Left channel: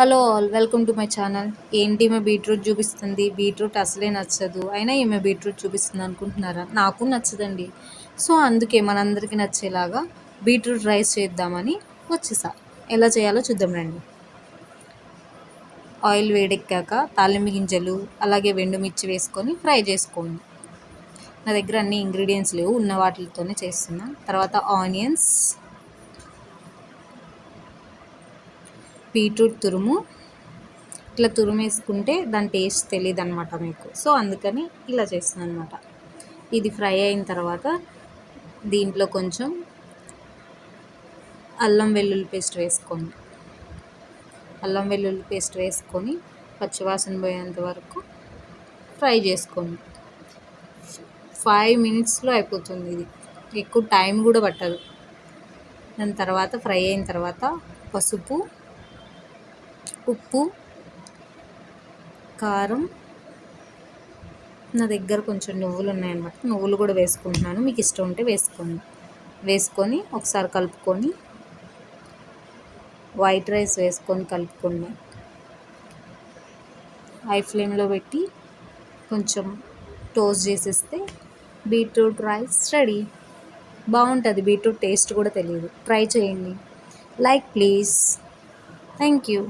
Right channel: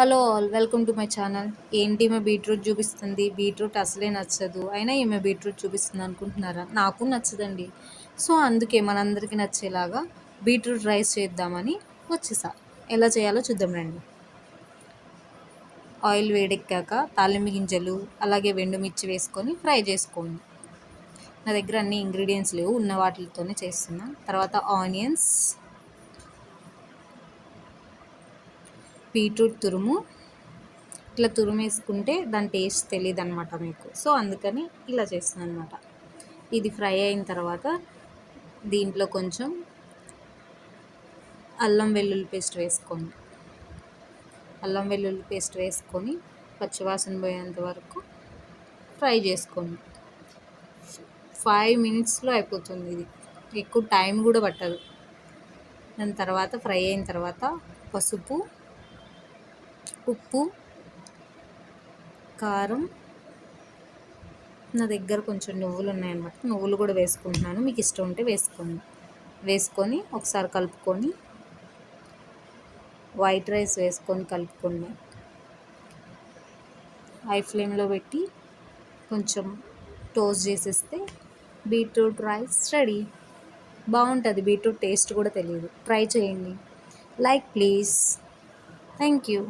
Hello all, welcome to my channel. ఏంటి ఈమె beetroot చూపిస్తుంది, బీట్రూట్ అసలే నచ్చదు, అయినా ఈమె బీట్రూట్ చూపిస్తుంది అనుకుంటున్నారా? నాకు నచ్చదండి. సో అందుకే మనందరికీ నచ్చేలాగా బీట్రూట్ రైస్ చేద్దామని వచ్చేసా. ఎలా చేయాలో చూద్దాం రండి. ఆయిల్ వేడెక్కాక తాలింపు గింజలు అలాగే వెండుమిర్చి వేసుకొని ఫ్రై చేసుకోండి. నా దగ్గర అన్ని ఇంగ్రీడియంట్స్ లేవు, ఉన్న వాటితోనే చేస్తున్నా. తర్వాత ఆనియన్స్, బీట్రూట్ తురుము. ఇట్లా తురుము వేసుకుంటే దాని టేస్ట్ తెలియదు అనమాట మీకు, సో అందుకని ఇలా చేస్తాను అనమాట. ఇది ఫ్రై అయిన తర్వాత దీంట్లో కొంచెం అల్లం వెల్లుల్లి పేస్ట్ వేసుకోండి. అల్లం వెల్లుల్లి పేస్ట్ వేసుకొని పచ్చివాసన పోయేంత వరకు ఫ్రై చేసుకోండి. 5 మినిట్స్లో అయిపోతుంది. ఇది ఎక్కువ టైం కూడా పట్టదు. దాని తర్వాత ఫ్రై అయిన తర్వాత పసుపు, ఉప్పు, కారం, నా దగ్గర కొంచెం నువ్వులు ఉన్నాయన్నమాట, నువ్వులు కూడా వేసుకుంటున్నాను. మీకు ఇష్టం ఉంటే వేసుకోండి. వేసుకొని ఒకసారి కలుపుకొని వైట్ రైస్ వేసుకొని కలుపుకోండి. హై ఫ్లేమ్లో పెట్టి కొంచెం టోస్ట్ చేసేస్తే బీట్రూట్ రైస్ రెడీ. బాగుంటుంది. బీట్రూట్ టేస్ట్ కూడా తెలియదు. ట్రై చేయండి. Like please. Thank you.